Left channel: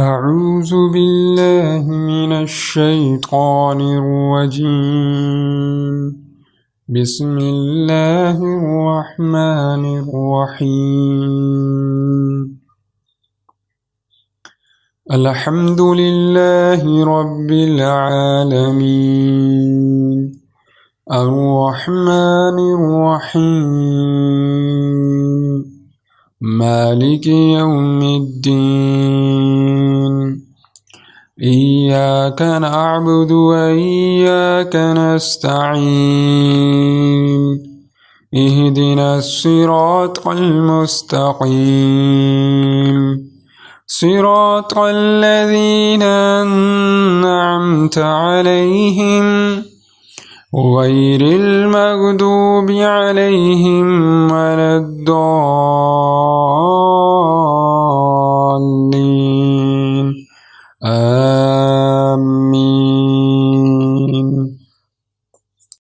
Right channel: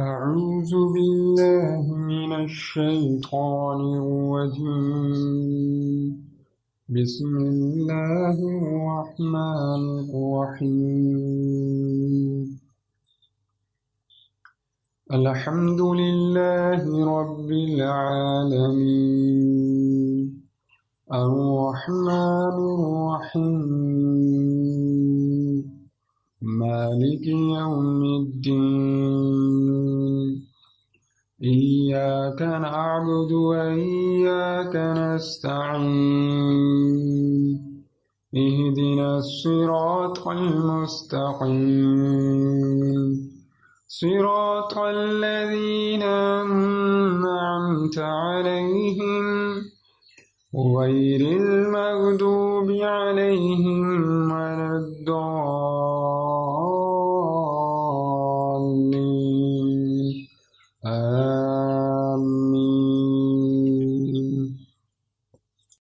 أعوذ بالله من الشيطان الرجيم. بسم الله الرحمن الرحيم. الحمد لله رب العالمين الرحمن الرحيم مالك يوم الدين إياك نعبد وإياك نستعين اهدنا الصراط المستقيم صراط الذين أنعمت عليهم غير المغضوب عليهم ولا الضالين.